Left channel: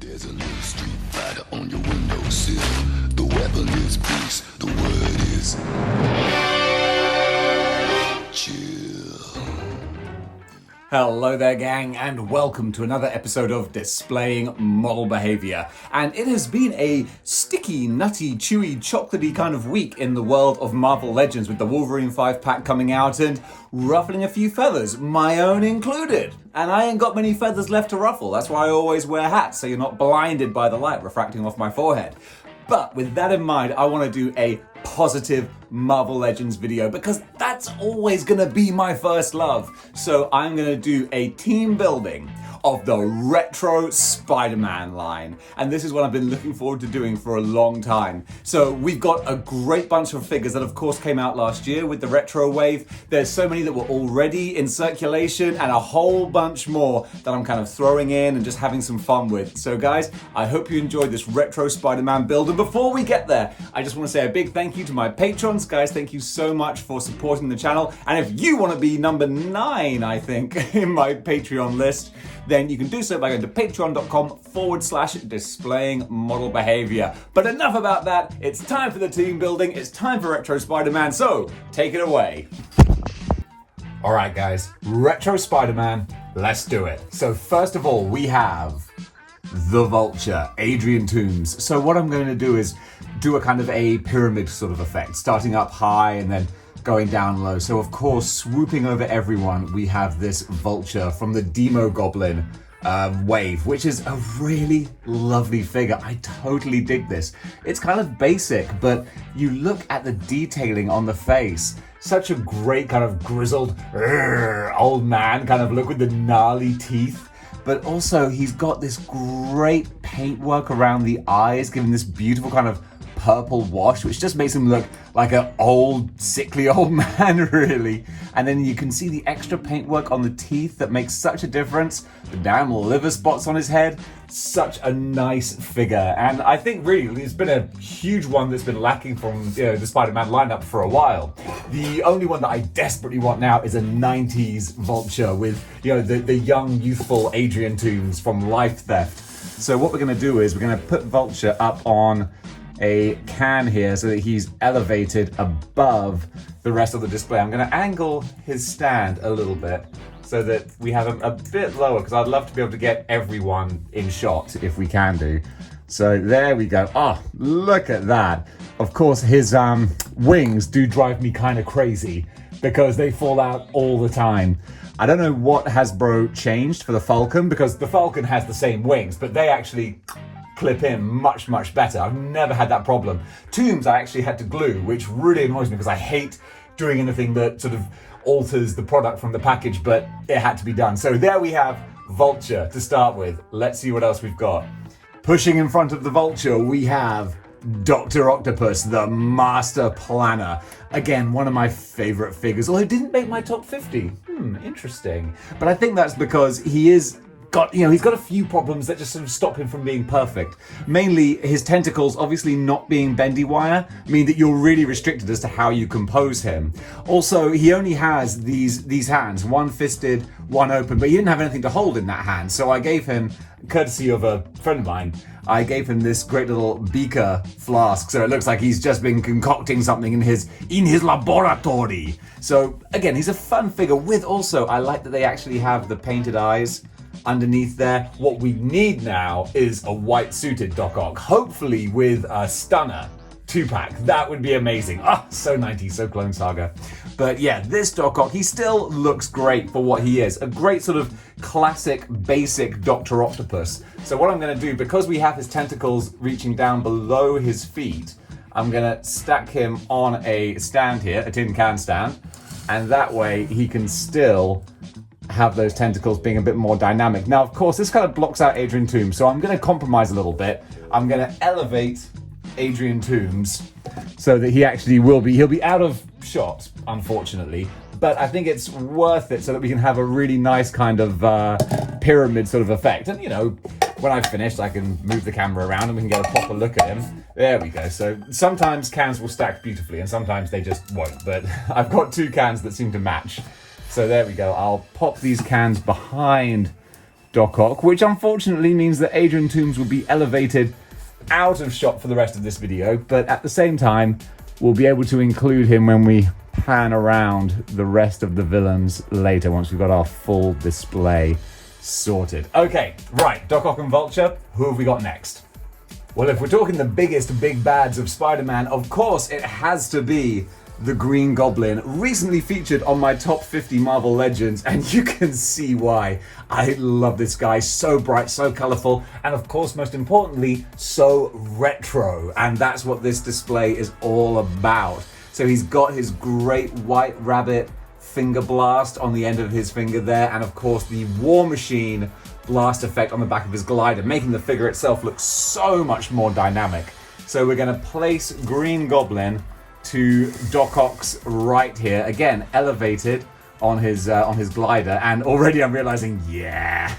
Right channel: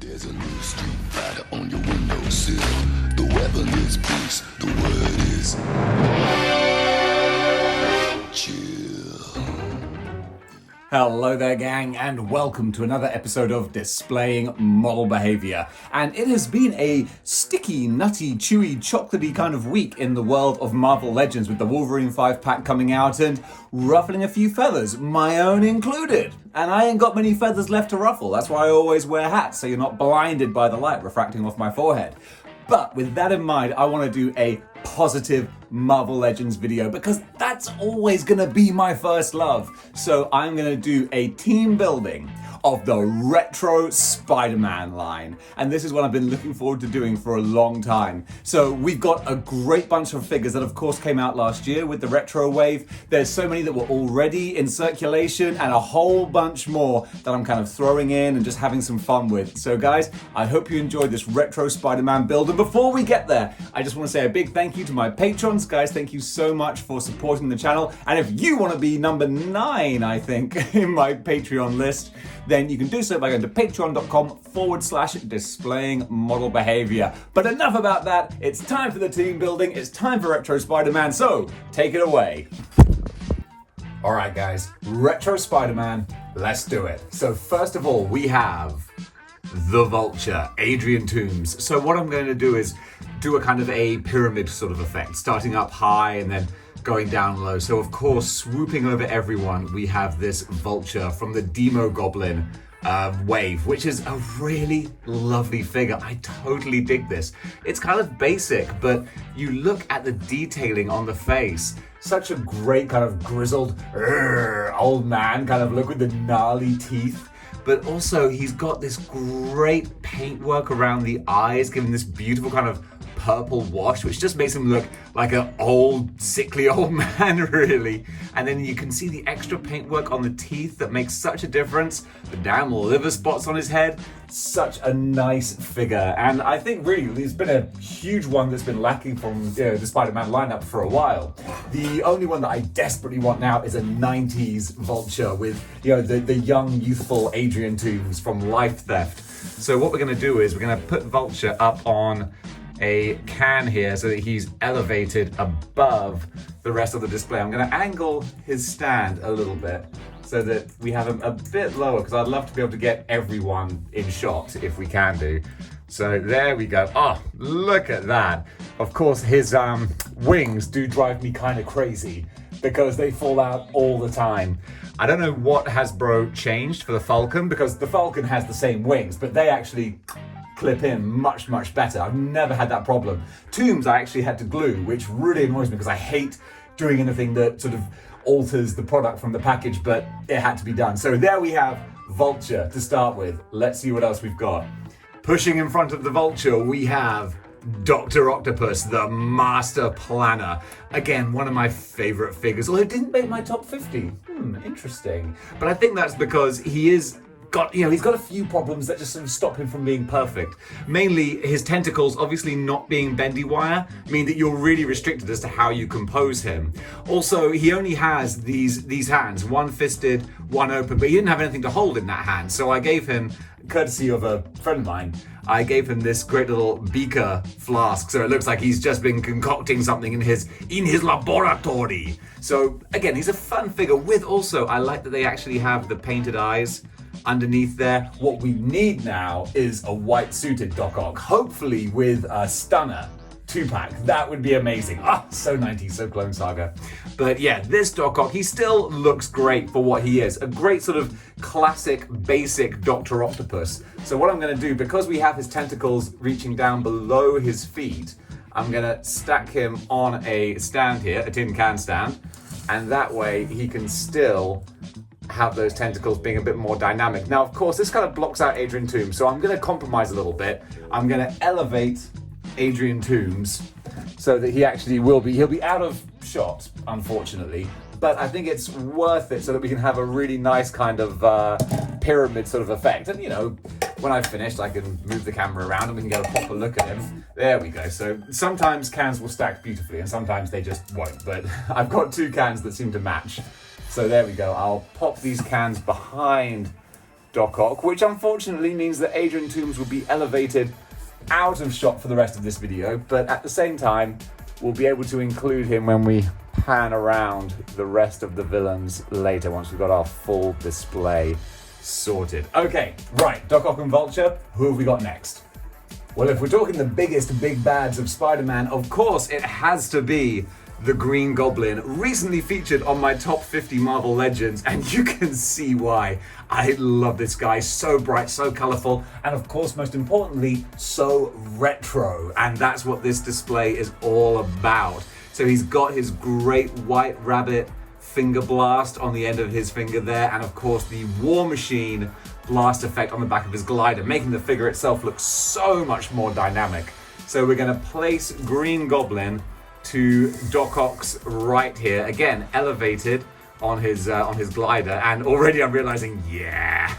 There's a new street fighter on your windowsill. The weapon is peace. The word is chill. Hello there, gang, and welcome to another episode of Displaying Model Behaviour. And it has been a sticky, nutty, chewy, chocolatey kind of week in the world of Marvel Legends, with the Wolverine 5-pack coming out and ruffling a few feathers, my own included. And I ain't got many feathers left to ruffle. That's why I always wear hats, so you're not blinded by the light refracting off my forehead. But with that in mind, I want to do a positive Marvel Legends video because that's always going to be my first love. So I'm going to do a team building of the retro Spider-Man line. And this is what I've been looking forward to doing for a long time. So we've got a great bunch of figures that of course came out last year with the retro wave. There's so many that were already in circulation and a whole bunch more that I'm kind of throwing in and just having some fun with. So guys, I hope you enjoyed this retro Spider-Man build. And before we get there, I just want to say a big thank you to my patrons. Guys, thank you so much for supporting the channel. And if you want to be number 9, I think, in my Patreon list, then you can do so by going to patreon.com/displaying model behavior. But enough about that. It's time for the team building. It's time for Retro Spider-Man. So take it away. All right, guys, Retro Spider-Man, let's do it. So first of all, we have the Vulture, Adrian Toomes. So what I'm going to do is do a kind of a pyramid sort of effect, starting up high and then going down low. So of course, swooping over everyone, we have this Vulture from the Demo Goblin wave, which is a really lovely figure. I totally dig this. It's kind of basic, but you look at the detailing on the face. Such a great kind of grizzled old man kind of look with the gnarly teeth. But also he's got this great paintwork around the eyes, giving this beautiful kind of purple wash, which just makes him look like an old, sickly old man, really. And then you can see the extra paintwork on the teeth that makes such a difference. The damn liver spots on his head. Such a nice figure. And I think really there's been a huge one that's been lacking from the Spider-Man lineup for a while. The only one that I desperately want now is a 90s Vulture with the young, youthful Adrian Toomes from Life Theft. So what we're going to do is we're going to put Vulture up on a can here so that he's elevated above the rest of the display. I'm going to angle his stand a little bit so that we have him a bit lower, because I'd love to be able to get everyone in shot if we can do. So there we go. Oh, look at that. Of course, his wings do drive me kind of crazy because they fall out all the time. I don't know what Hasbro changed for the Falcon, because the Falcon has the same wings, but they actually clip in much, much better. I've never had that problem. Toomes I actually had to glue, which really annoys me because I hate doing anything that sort of alters the product from the package, but it had to be done. So there we have Vulture to start with. Let's see what else we've got. Pushing in front of the Vulture, we have Dr. Octopus, the Master Planner. Again, one of my favorite figures, although it didn't make my top 50. Interesting. But I think that's because he's got a few problems that just sort of stop him from being perfect. Mainly his tentacles obviously not being bendy wire mean that you're really restricted as to how you compose him. Also, he only has these hands, one fisted, one open, but he didn't have anything to hold in that hand. So I gave him, courtesy of a friend of mine, I gave him this great little beaker flask, so it looks like he's just been concocting something in his laboratory. So again, he's a fun figure with also, I like that they actually have the painted eyes underneath there. What we need now is a white suited Doc Ock, hopefully with a stunner 2-pack. That would be amazing. So 90s, so Clone Saga. But yeah, this Doc Ock, he still looks great for what he is. A great sort of classic, basic Dr. Octopus. So what I'm going to do, because we have his tentacles reaching down below his feet, I'm going to stack him on a stand here, a tin can stand, and that way he can still have those tentacles being a bit more dynamic. Now, of course, this kind of blocks out Adrian Toomes, so I'm going to compromise a little bit. I'm going to elevate Adrian Toomes so that he'll be out of shot, unfortunately, but I think it's worth it so that we can have a really nice kind of pyramid sort of effect. And when I've finished, I can move the camera around and we can get a proper look at him. There we go. So sometimes cans will stack beautifully and sometimes they just won't, but I've got 2 cans that seem to match. So there we go. I'll pop these cans behind Doc Ock, which unfortunately means that Adrian Toomes will be elevated out of shot for the rest of this video, but at the same time, we'll be able to include him when we pan around the rest of the villains later, once we've got our full display sorted. Okay, right, Doc Ock and Vulture, who have we got next? Well, if we're talking the biggest big bads of Spider-Man, of course it has to be the Green Goblin, recently featured on my top 50 Marvel Legends, and you can see why. I love this guy, so bright, so colorful, and of course, most importantly, so retro, and that's what this display is all about. So he's got his great White Rabbit finger blast on the end of his finger there, and of course the War Machine blast effect on the back of his glider, making the figure itself look so much more dynamic. So we're going to place Green Goblin to Doc Ock's right here, again elevated on his glider, and already I'm realizing, yeah,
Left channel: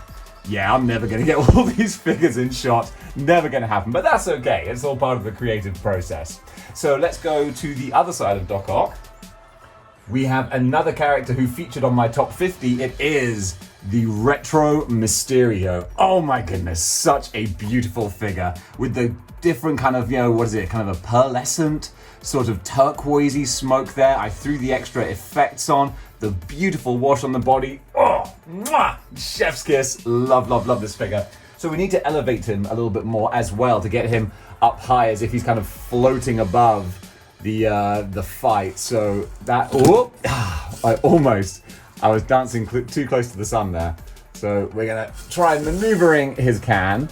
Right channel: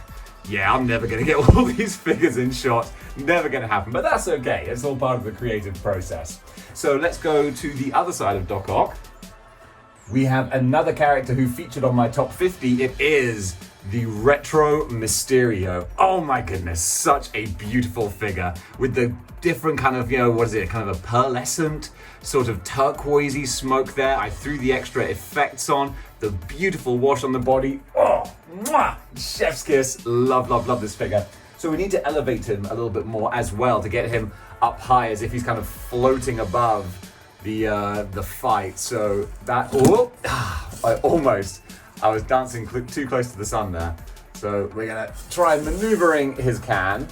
I'm never going to get all these figures in shot, never going to happen, but that's okay, it's all part of the creative process. So let's go to the other side of Doc Ock. We have another character who featured on my top 50. It is the Retro Mysterio. Oh my goodness, such a beautiful figure with the different kind of, what is it, kind of a pearlescent, sort of turquoisey smoke there. I threw the extra effects on, the beautiful wash on the body. Oh, mwah, chef's kiss. Love, love, love this figure. So we need to elevate him a little bit more as well to get him up high, as if he's kind of floating above the fight. So that, I was dancing too close to the sun there. So we're gonna try maneuvering his can,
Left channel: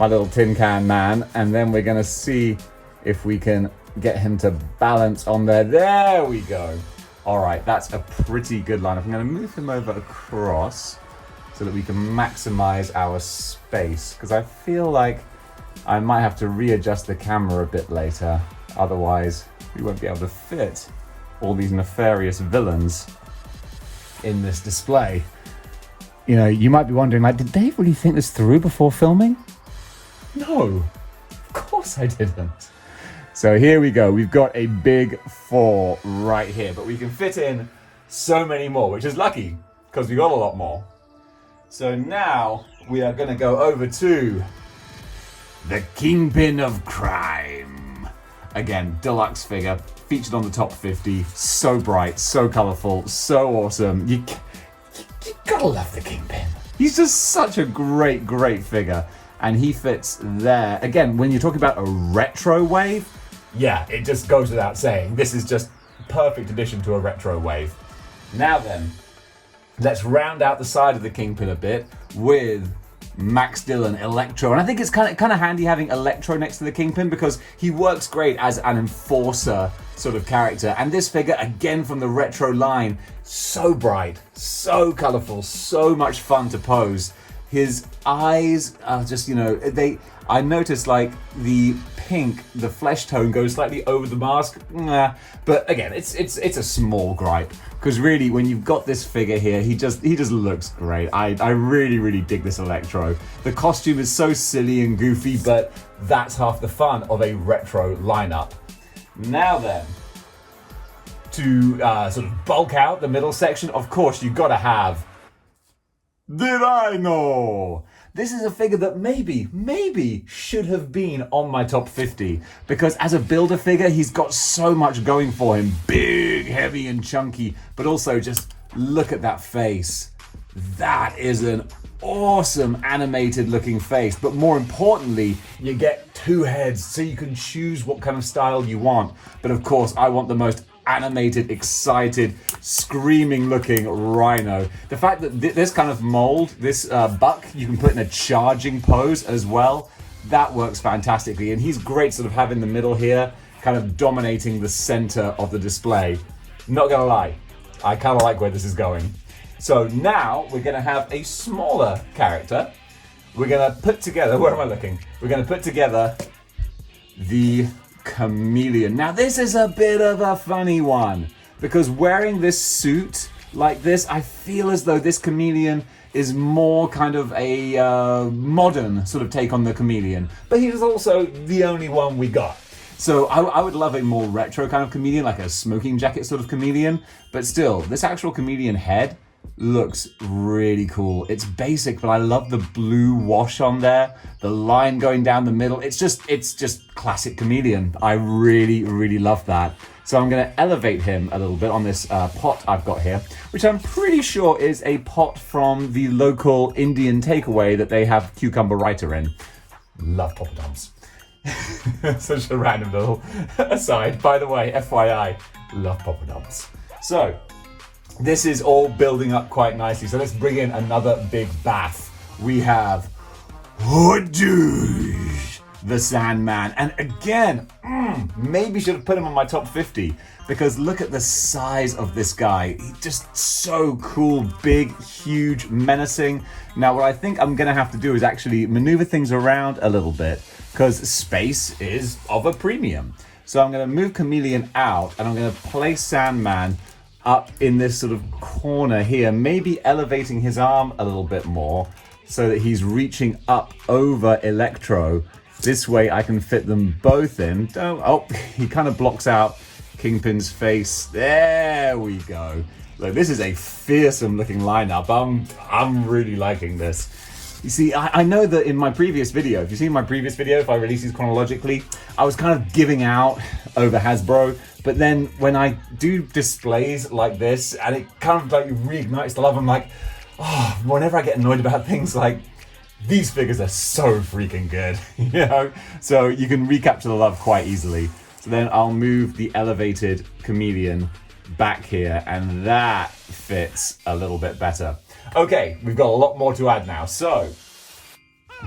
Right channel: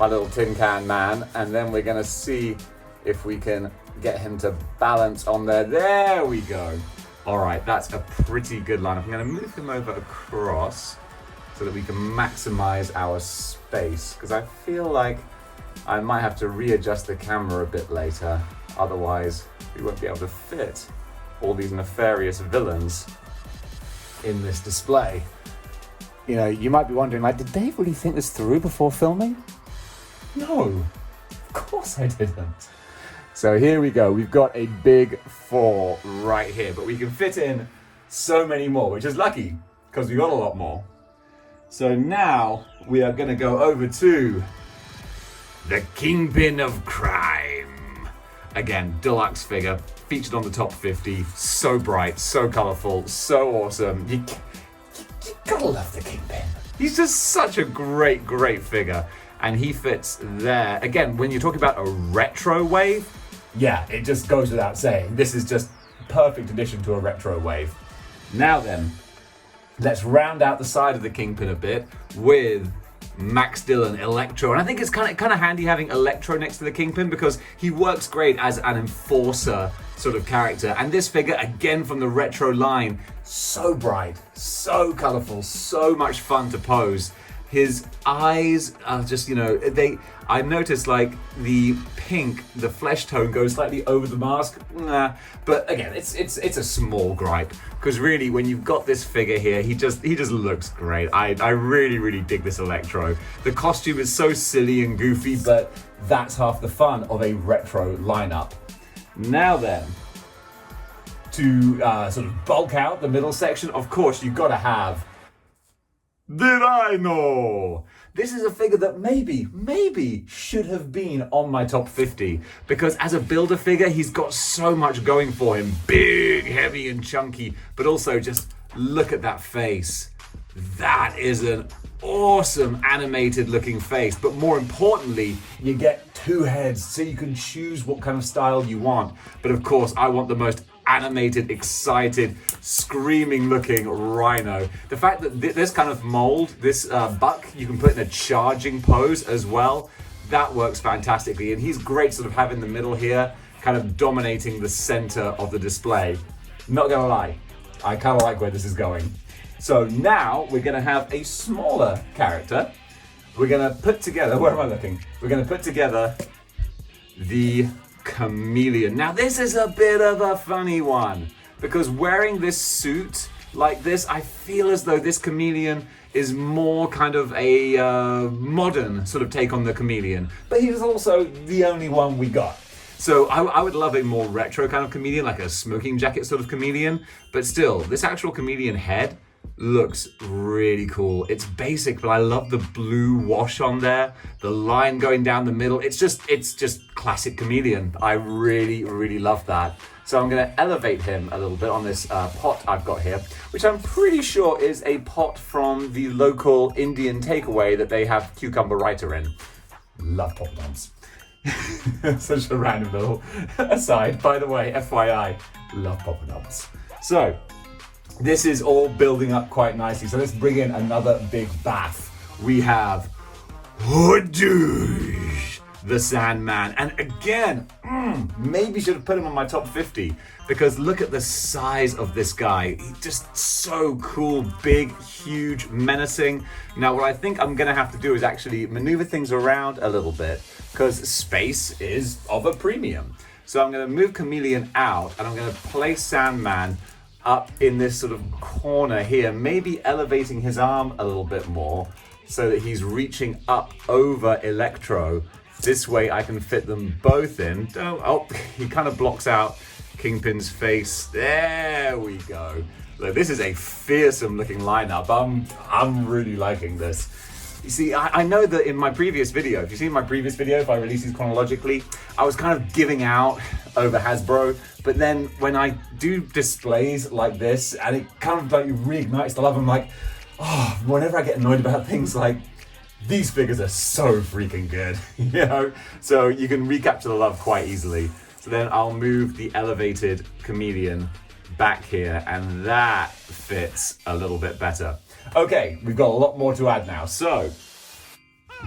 my little tin can man, and then we're gonna see if we can get him to balance on there. There we go. All right, that's a pretty good lineup. I'm gonna move him over across so that we can maximize our space, because I feel like I might have to readjust the camera a bit later. Otherwise, we won't be able to fit all these nefarious villains in this display. You might be wondering, did Dave really think this through before filming? No, of course I didn't. So here we go. We've got a big 4 right here, but we can fit in so many more, which is lucky because we got a lot more. So now we are going to go over to the Kingpin of Crime. Again, deluxe figure, featured on the top 50, so bright, so colorful, so awesome. You gotta love the Kingpin. He's just such a great, great figure, and he fits there. Again, when you're talking about a retro wave, yeah, it just goes without saying. This is just a perfect addition to a retro wave. Now then, let's round out the side of the Kingpin a bit with Max Dillon, Electro, and I think it's kind of handy having Electro next to the Kingpin because he works great as an enforcer sort of character. And this figure, again from the retro line, so bright, so colorful, so much fun to pose. His eyes are just, I noticed like the pink, the flesh tone goes slightly over the mask. But again, it's a small gripe, because really when you've got this figure here, he just looks great. I really, really dig this Electro. The costume is so silly and goofy, but that's half the fun of a retro lineup. Now then, to sort of bulk out the middle section, of course you've got to have the Rhino. This is a figure that maybe should have been on my top 50, because as a builder figure, he's got so much going for him. Big, heavy, and chunky, but also just look at that face. That is an awesome animated looking face, but more importantly, you get 2 heads, so you can choose what kind of style you want. But of course, I want the most animated, excited, screaming looking Rhino. The fact that this kind of mold, this buck, you can put in a charging pose as well, that works fantastically. And he's great sort of having the middle here, kind of dominating the center of the display. Not gonna lie, I kind of like where this is going. So now we're gonna have a smaller character. We're gonna put together, where am I looking? We're gonna put together the Chameleon. Now this is a bit of a funny one, because wearing this suit like this, I feel as though this Chameleon is more kind of a modern sort of take on the Chameleon, but he's also the only one we got. So I would love a more retro kind of Chameleon, like a smoking jacket sort of Chameleon, but still, this actual Chameleon head, looks really cool. It's basic, but I love the blue wash on there, the line going down the middle. It's just classic Chameleon. I really, really love that. So I'm going to elevate him a little bit on this pot I've got here, which I'm pretty sure is a pot from the local Indian takeaway that they have cucumber writer in. Love poppadoms. Such a random little aside. By the way, FYI, love poppadoms. So this is all building up quite nicely. So let's bring in another big bath. We have Hoodush, the Sandman. And again, maybe should have put him in my top 50 because look at the size of this guy. He's just so cool, big, huge, menacing. Now what I think I'm gonna have to do is actually maneuver things around a little bit because space is of a premium. So I'm gonna move Chameleon out and I'm gonna place Sandman up in this sort of corner here, maybe elevating his arm a little bit more so that he's reaching up over Electro. This way I can fit them both in. Oh, he kind of blocks out Kingpin's face. There we go. Look, this is a fearsome looking lineup. I'm really liking this. You see, I know that in my previous video, if you've seen my previous video, if I release these chronologically, I was kind of giving out over Hasbro, but then when I do displays like this, and it kind of like reignites the love, I'm like, oh, whenever I get annoyed about things like, these figures are so freaking good, you know? So you can recapture the love quite easily. So then I'll move the elevated Chameleon back here, and that fits a little bit better. Okay, we've got a lot more to add now. So,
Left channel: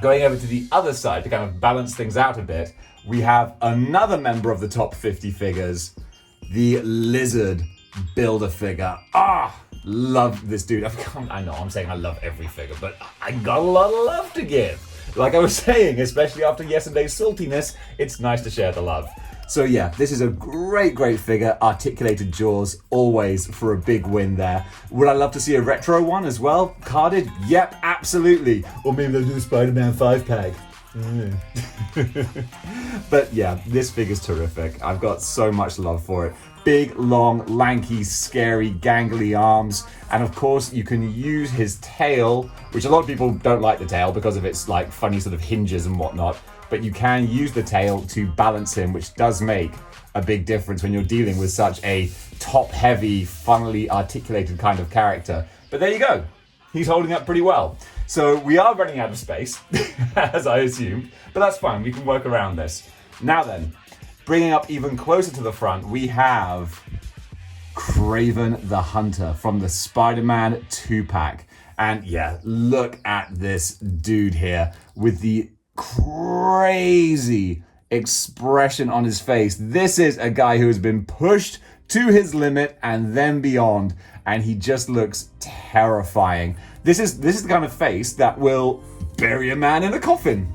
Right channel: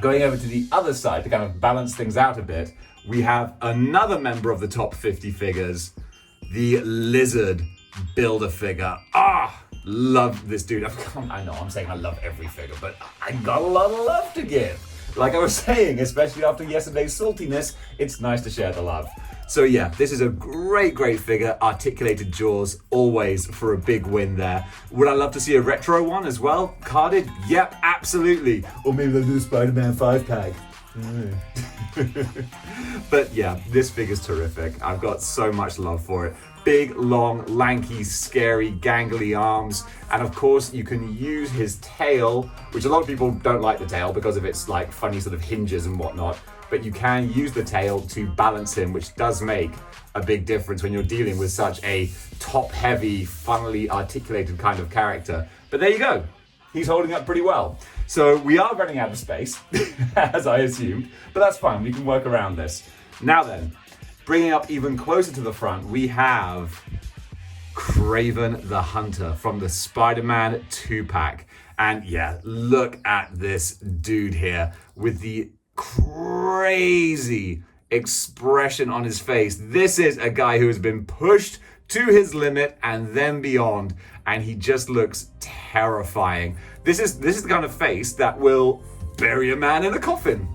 going over to the other side to kind of balance things out a bit, we have another member of the top 50 figures, the Lizard Builder figure. Love this dude. I know I'm saying I love every figure, but I got a lot of love to give. Like I was saying, especially after yesterday's saltiness, it's nice to share the love. So yeah, this is a great, great figure. Articulated jaws, always for a big win there. Would I love to see a retro one as well? Carded? Yep, absolutely. Or maybe they'll do a Spider-Man 5-pack. But yeah, this figure's terrific. I've got so much love for it. Big, long, lanky, scary, gangly arms. And of course, you can use his tail, which a lot of people don't like the tail because of its like funny sort of hinges and whatnot. But you can use the tail to balance him, which does make a big difference when you're dealing with such a top-heavy, funnily articulated kind of character. But there you go. He's holding up pretty well. So we are running out of space, as I assumed, but that's fine. We can work around this. Now then, bringing up even closer to the front, we have Kraven the Hunter from the Spider-Man 2-pack. And yeah, look at this dude here with the crazy expression on his face. This is a guy who has been pushed to his limit and then beyond, and he just looks terrifying. This is the kind of face that will bury a man in a coffin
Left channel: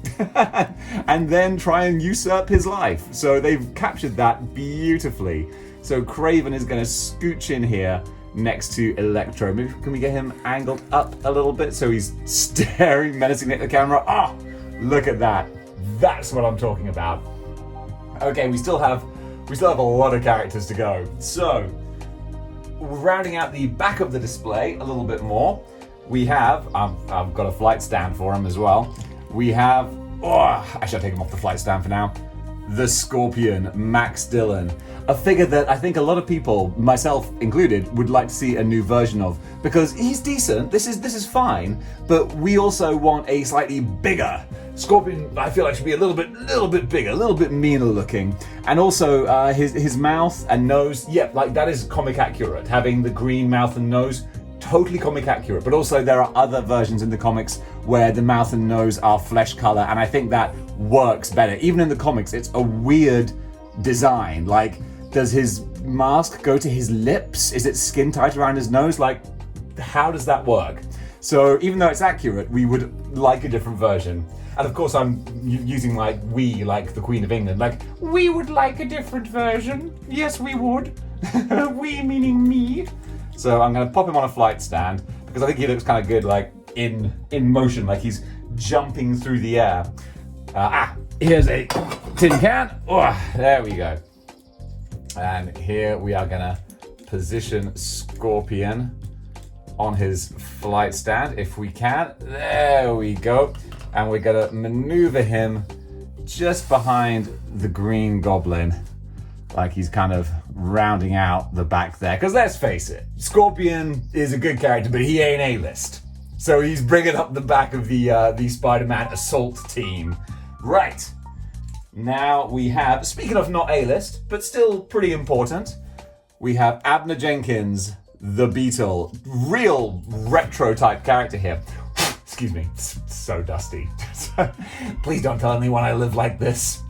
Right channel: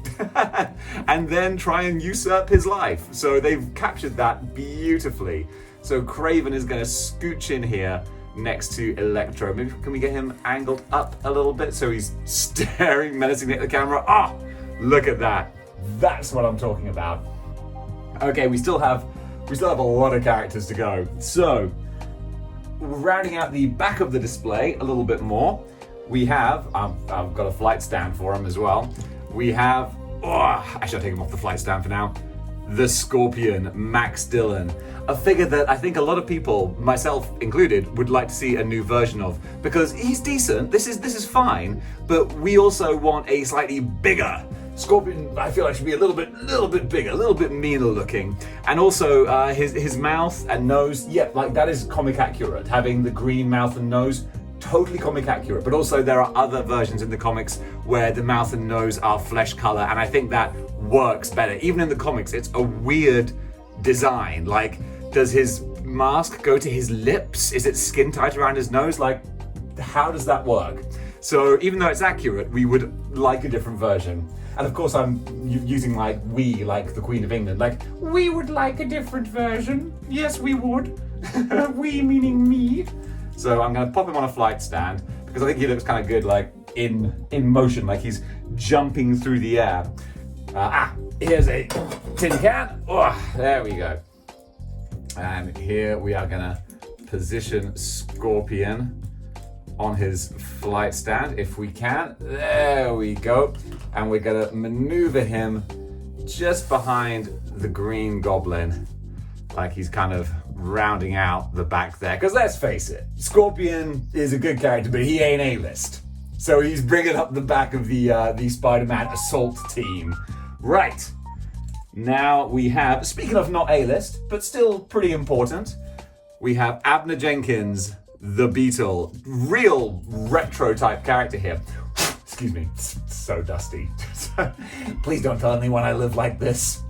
and then try and usurp his life. So they've captured that beautifully. So Kraven is going to scooch in here next to Electro. Maybe can we get him angled up a little bit so he's staring menacingly at the camera? Look at that. That's what I'm talking about. Okay, we still have a lot of characters to go. So, rounding out the back of the display a little bit more, we have, I've got a flight stand for him as well. We have, actually I'll take him off the flight stand for now. The Scorpion, Max Dillon. A figure that I think a lot of people, myself included, would like to see a new version of because he's decent. This is fine, but we also want a slightly bigger Scorpion. I feel like should be a little bit bigger, a little bit meaner looking, and also his mouth and nose. Yeah, like that is comic accurate. Having the green mouth and nose, totally comic accurate. But also there are other versions in the comics where the mouth and nose are flesh color, and I think that works better. Even in the comics, it's a weird design. Like, does his mask go to his lips? Is it skin tight around his nose? Like, how does that work? So even though it's accurate, we would like a different version. And of course I'm using like we, like the Queen of England, like we would like a different version. Yes, we would. We meaning me. So I'm gonna pop him on a flight stand because I think he looks kind of good like in motion, like he's jumping through the air. Here's a tin can. There we go. And here we are gonna position Scorpion on his flight stand if we can. There we go. And we're gonna maneuver him just behind the Green Goblin, like he's kind of rounding out the back there. Because let's face it, Scorpion is a good character, but he ain't A-list. So he's bringing up the back of the Spider-Man assault team. Right. Now we have, speaking of not A-list, but still pretty important, we have Abner Jenkins, the Beetle, real retro type character here. Excuse me, so dusty. Please don't tell anyone I live like this.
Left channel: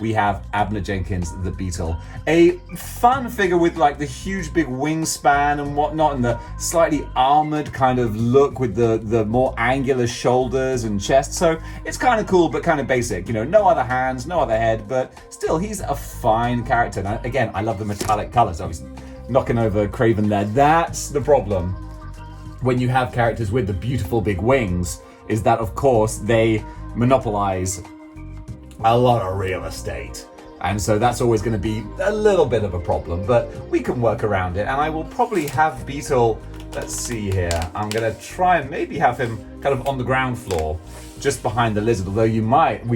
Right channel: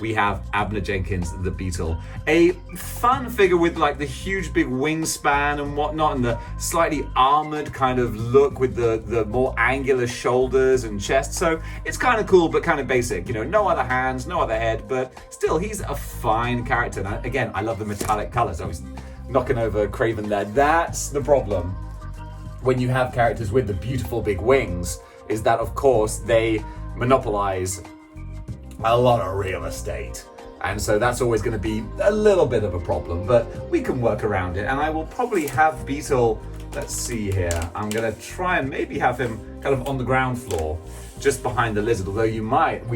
We have Abner Jenkins, the Beetle. A fun figure with like the huge big wingspan and whatnot, and the slightly armored kind of look with the more angular shoulders and chest. So it's kind of cool, but kind of basic. You know, no other hands, no other head, but still he's a fine character. And again, I love the metallic colors. I was knocking over Kraven there. That's the problem when you have characters with the beautiful big wings, is that of course they monopolize a lot of real estate. And so that's always going to be a little bit of a problem, but we can work around it. And I will probably have Beetle, let's see here, I'm going to try and maybe have him kind of on the ground floor, just behind the lizard, although we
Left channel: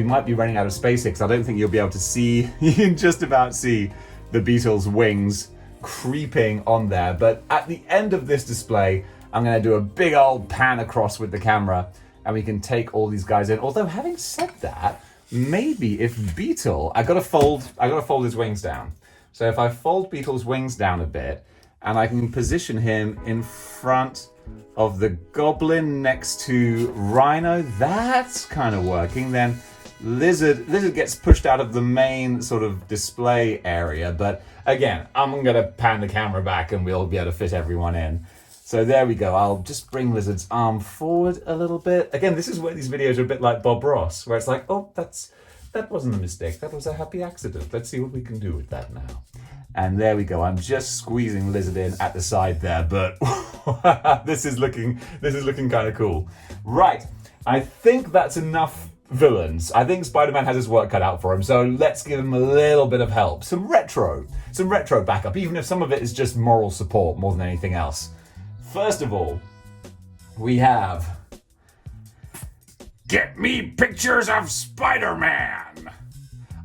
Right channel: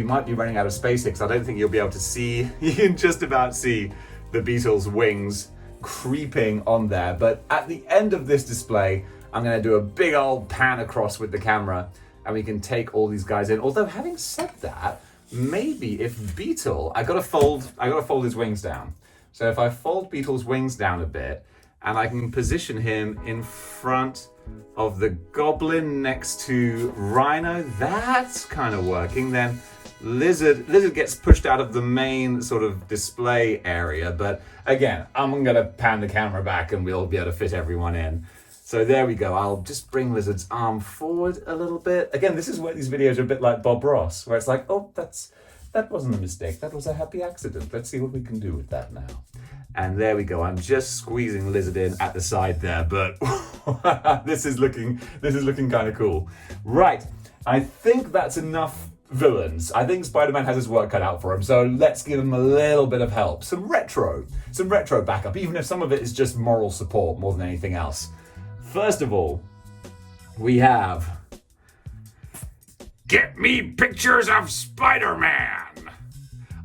might be running out of space here, because I don't think you'll be able to see, you can just about see the Beetle's wings creeping on there. But at the end of this display, I'm going to do a big old pan across with the camera, and we can take all these guys in. Although having said that, maybe if Beetle, I gotta fold his wings down. So if I fold Beetle's wings down a bit, and I can position him in front of the Goblin next to Rhino, that's kind of working. Then Lizard gets pushed out of the main sort of display area. But again, I'm gonna pan the camera back and we'll be able to fit everyone in. So there we go. I'll just bring Lizard's arm forward a little bit. Again, this is where these videos are a bit like Bob Ross, where it's like, oh, that wasn't a mistake. That was a happy accident. Let's see what we can do with that now. And there we go. I'm just squeezing Lizard in at the side there, but this is looking kind of cool. Right. I think that's enough villains. I think Spider-Man has his work cut out for him, so let's give him a little bit of help. Some retro backup, even if some of it is just moral support more than anything else. First of all, we have Get Me Pictures of Spider-Man.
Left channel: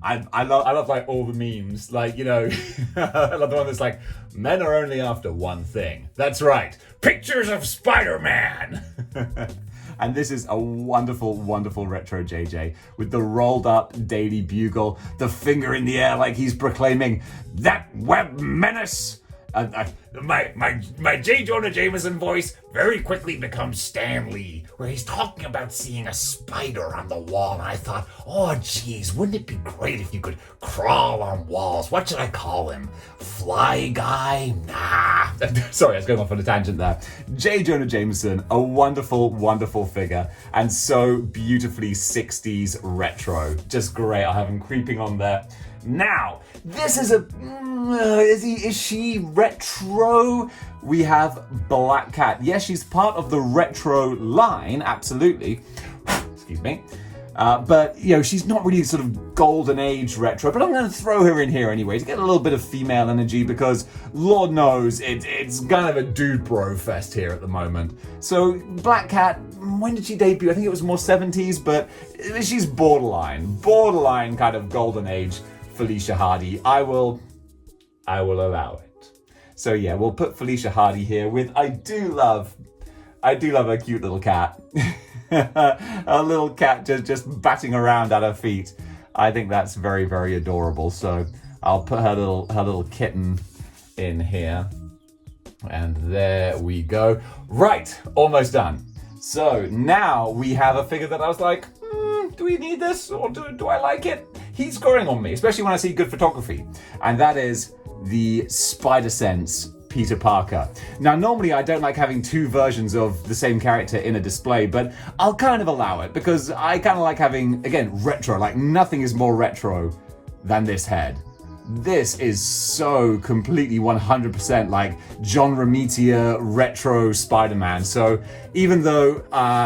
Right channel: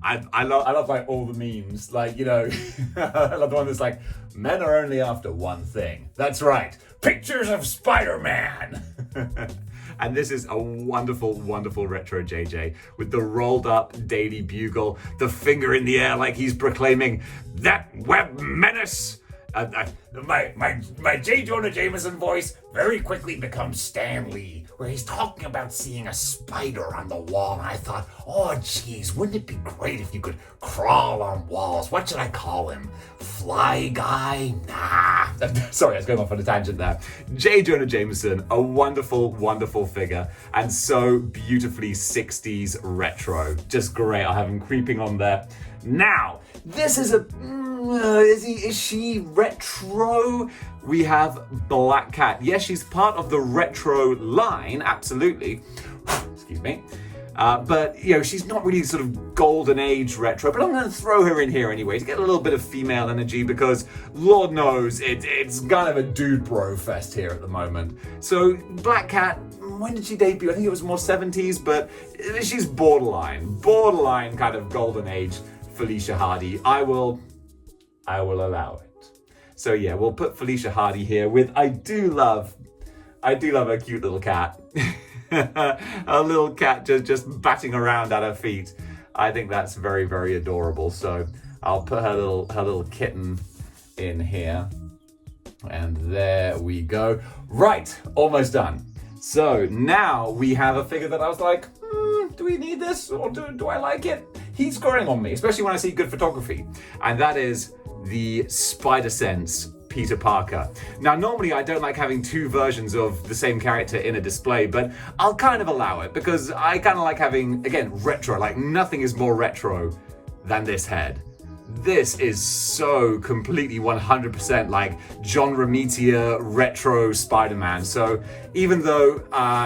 I love like all the memes, like, you know, I love the one that's like, men are only after one thing. That's right, pictures of Spider-Man. And this is a wonderful, wonderful retro JJ with the rolled up Daily Bugle, the finger in the air like he's proclaiming that web menace. My J. Jonah Jameson voice very quickly becomes Stan Lee, where he's talking about seeing a spider on the wall. And I thought, oh geez, wouldn't it be great if you could crawl on walls? What should I call him? Fly guy? Nah. Sorry, I was going off on a tangent there. J. Jonah Jameson, a wonderful, wonderful figure, and so beautifully 60s retro. Just great. I have him creeping on there. Now, this is a... is she retro? We have Black Cat. Yes, she's part of the retro line, absolutely. Excuse me. But, you know, she's not really sort of golden age retro, but I'm going to throw her in here anyway to get a little bit of female energy because, Lord knows, it's kind of a dude bro fest here at the moment. So, Black Cat, when did she debut? I think it was more 70s, but she's borderline kind of golden age Felicia Hardy. I will allow it. So yeah, we'll put Felicia Hardy here with, I do love a cute little cat. A little cat just batting around at her feet. I think that's very, very adorable. So I'll put her little kitten in here. And there we go. Right, almost done. So now we have a figure that I was like, do we need this or do I like it? He's growing on me, especially when I see good photography. And that is the Spider-Sense Peter Parker. Now, normally I don't like having two versions of the same character in a display, but I'll kind of allow it because I kind of like having, again, retro. Like nothing is more retro than this head. This is so completely 100% like John Romita retro Spider-Man. So even though,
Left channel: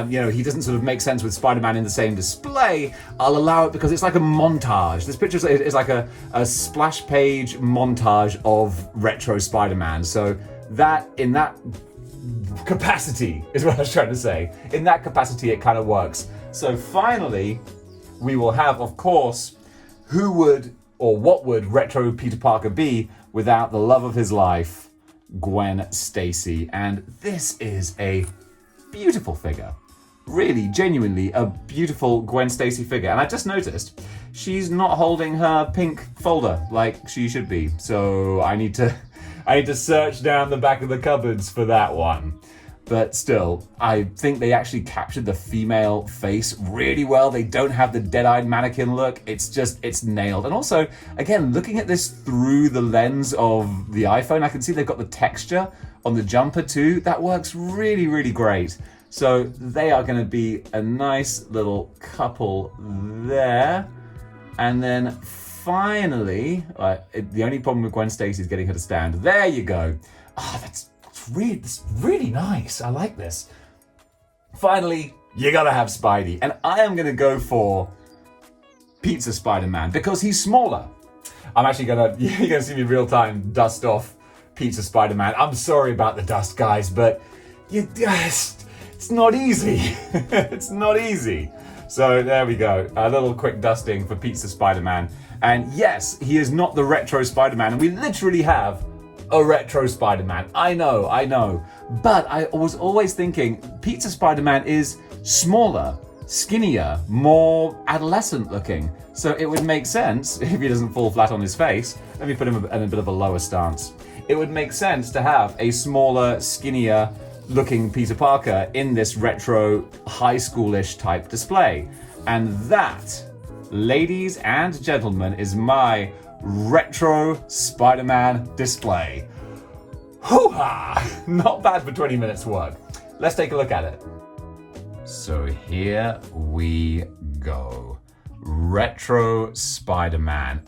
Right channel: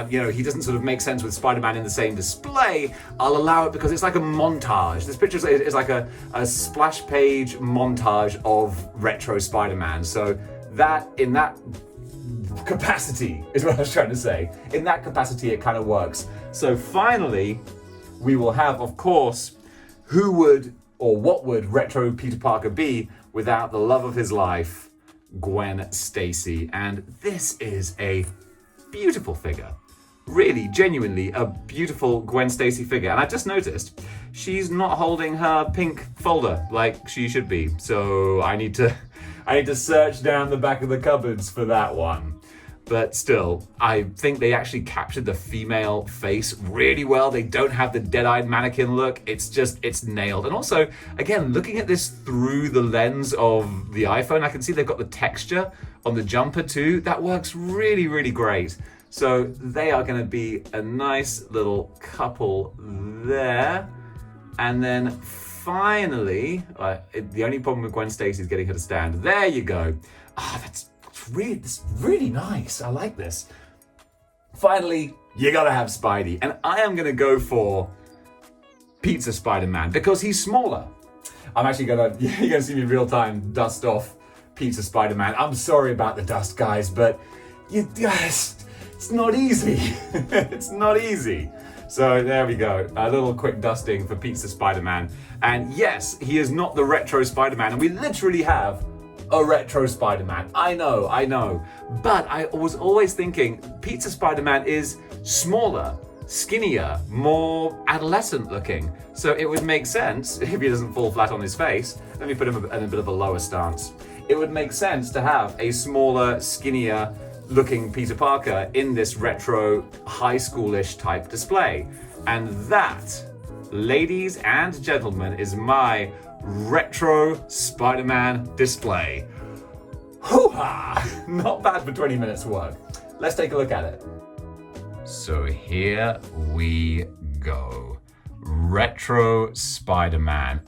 you know, he doesn't sort of make sense with Spider-Man in the same display, I'll allow it because it's like a montage. This picture is like a splash page montage of retro Spider-Man. So that in that capacity is what I was trying to say. In that capacity, it kind of works. So finally, we will have, of course, who would or what would retro Peter Parker be without the love of his life, Gwen Stacy. And this is a beautiful figure. Really, genuinely a beautiful Gwen Stacy figure. And I just noticed she's not holding her pink folder like she should be. So I need to search down the back of the cupboards for that one. But still, I think they actually captured the female face really well. They don't have the dead-eyed mannequin look. It's nailed. And also, again, looking at this through the lens of the iPhone, I can see they've got the texture on the jumper too. That works really, really great. So they are going to be a nice little couple there. And then finally, the only problem with Gwen Stacy is getting her to stand. There you go. Oh, that's really nice. I like this. Finally, you gotta have Spidey. And I am gonna go for Pizza Spider-Man because he's smaller. I'm actually you're gonna see me real time dust off Pizza Spider-Man. I'm sorry about the dust, guys, but it's not easy. It's not easy. So there we go, a little quick dusting for Pizza Spider-Man. And yes, he is not the retro Spider-Man, and we literally have a retro Spider-Man. I know. But I was always thinking Pizza Spider-Man is smaller, skinnier, more adolescent looking. So it would make sense, if he doesn't fall flat on his face, let me put him in a bit of a lower stance. It would make sense to have a smaller, skinnier looking Peter Parker in this retro high schoolish type display. And that, ladies and gentlemen, is my retro Spider-Man display. Hoo-ha! Not bad for 20 minutes work. Let's take a look at it. So here we go. Retro Spider-Man.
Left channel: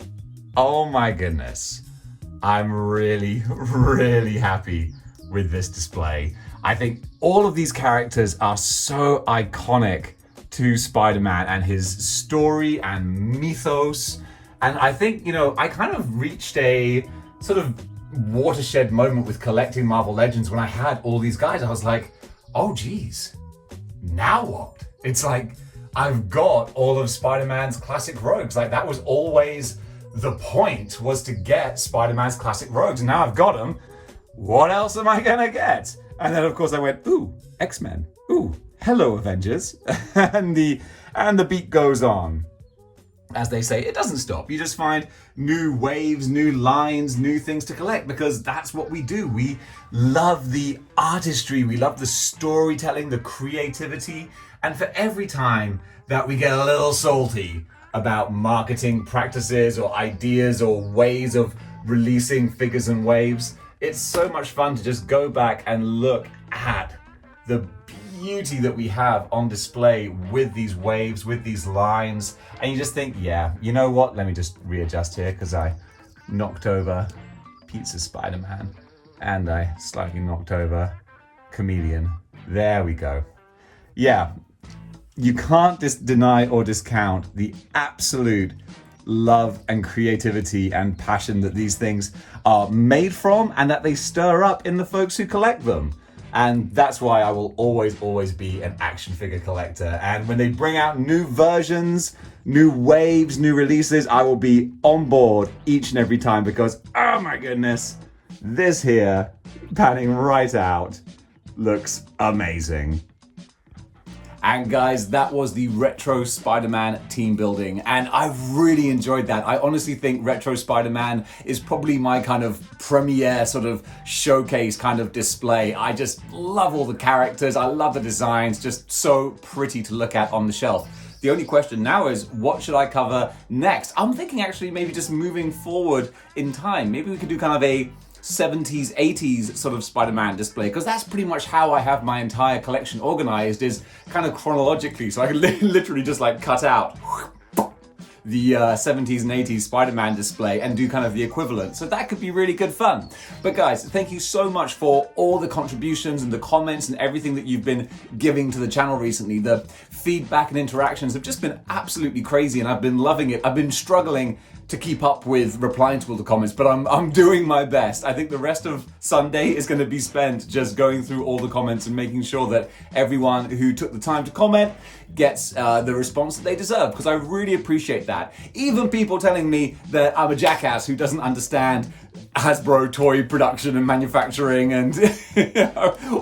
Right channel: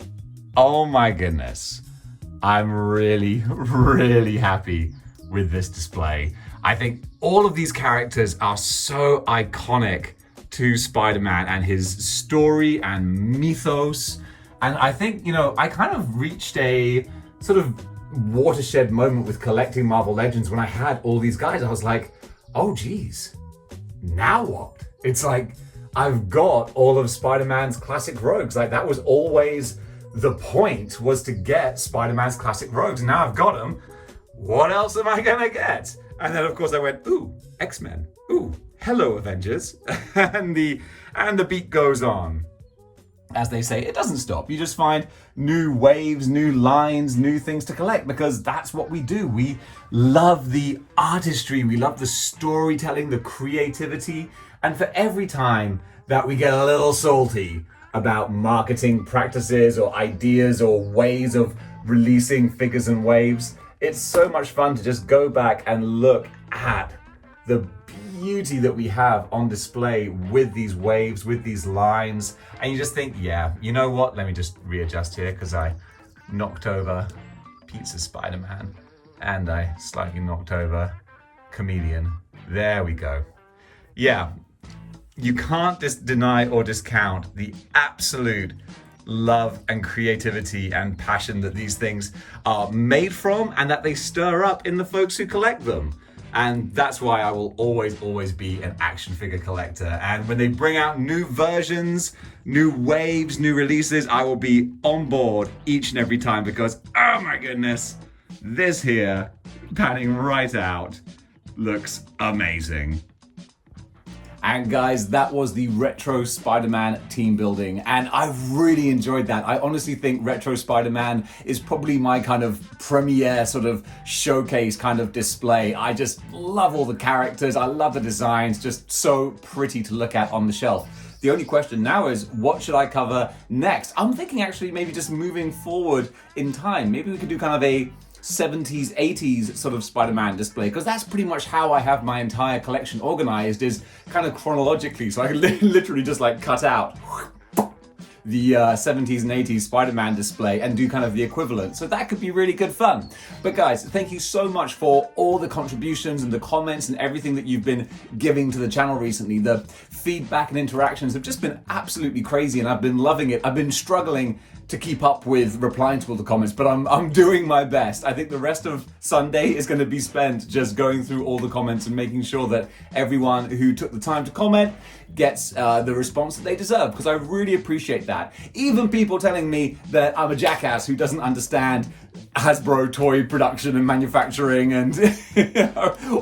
Oh my goodness. I'm really, really happy with this display. I think all of these characters are so iconic to Spider-Man and his story and mythos. And I think, I kind of reached a sort of watershed moment with collecting Marvel Legends when I had all these guys. I was like, oh geez, now what? It's like, I've got all of Spider-Man's classic rogues. Like, that was always the point, was to get Spider-Man's classic rogues. And now I've got them. What else am I gonna get? And then of course I went, ooh, X-Men. Ooh, hello Avengers. and the beat goes on. As they say, it doesn't stop. You just find new waves, new lines, new things to collect, because that's what we do. We love the artistry, we love the storytelling, the creativity. And for every time that we get a little salty about marketing practices or ideas or ways of releasing figures and waves, it's so much fun to just go back and look at the beauty that we have on display with these waves, with these lines. And you just think, yeah, you know what? Let me just readjust here because I knocked over Pizza Spider-Man and I slightly knocked over Chameleon. There we go. Yeah, you can't just deny or discount the absolute love and creativity and passion that these things are made from and that they stir up in the folks who collect them. And that's why I will always be an action figure collector. And when they bring out new versions, new waves, new releases, I will be on board each and every time because, oh my goodness, this here, panning right out, looks amazing. And guys, that was the Retro Spider-Man team building, and I really enjoyed that. I honestly think Retro Spider-Man is probably my kind of premiere sort of showcase kind of display. I just love all the characters, I love the designs, just so pretty to look at on the shelf. The only question now is, what should I cover next? I'm thinking actually maybe just moving forward in time. Maybe we could do kind of a 70s, 80s sort of Spider-Man display, because that's pretty much how I have my entire collection organized, is kind of chronologically, so I can literally just like cut out the 70s and 80s Spider-Man display and do kind of the equivalent. So that could be really good fun. But guys, thank you so much for all the contributions and the comments and everything that you've been giving to the channel recently. The feedback and interactions have just been absolutely crazy, and I've been loving it. I've been struggling to keep up with replying to all the comments, but I'm doing my best. I think the rest of Sunday is going to be spent just going through all the comments and making sure that everyone who took the time to comment gets the response that they deserve, because I really appreciate that. Even people telling me that I'm a jackass who doesn't understand Hasbro toy production and manufacturing and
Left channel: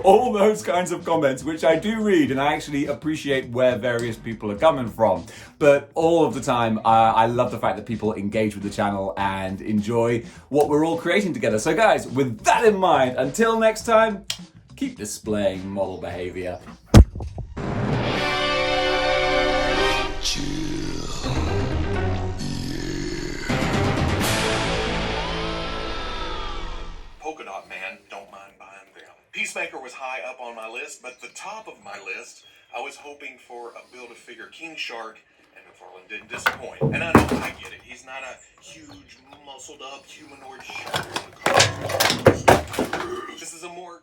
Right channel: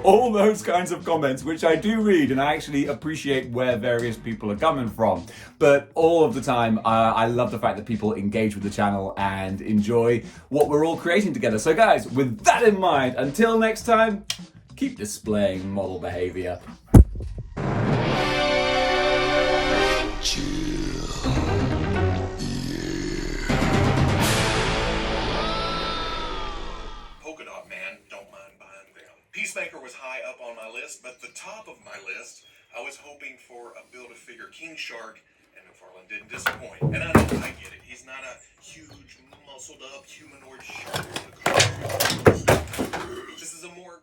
all those kinds of comments, which I do read, and I actually appreciate where various people are coming from. But all of the time, I love the fact that people engage with the channel and enjoy what we're all creating together. So guys, with that in mind, until next time, keep displaying model behavior. Chill. Polka Dot Man, don't mind buying them. Peacemaker was high up on my list, but the top of my list, I was hoping for a Build-A-Figure King Shark, and McFarlane didn't disappoint. And I know, I get it. He's not a huge, muscled-up humanoid shark. This is a more